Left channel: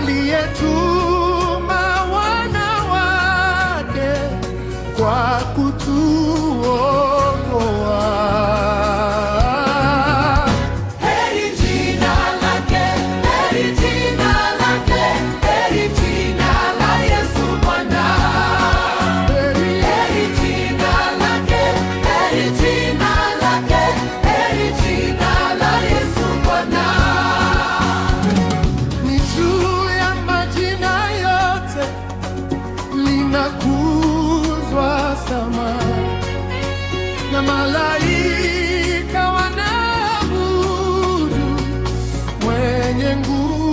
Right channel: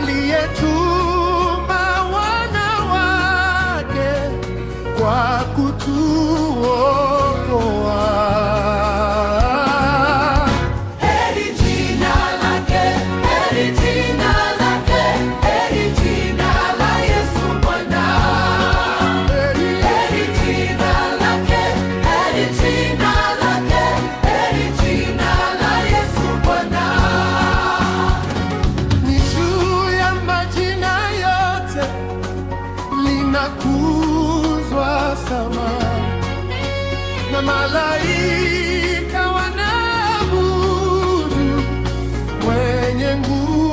aliyetuma wana wake kwa kutuokoa. Heri jina lake, heri jina lake, heri jina la Yesu Bwana. Heri jina lake, heri jina lake, heri jina la Yesu Bwana. Ni juu ya majina yote linakuzwa sama, na malaika wanaabudu mwenye nguvu.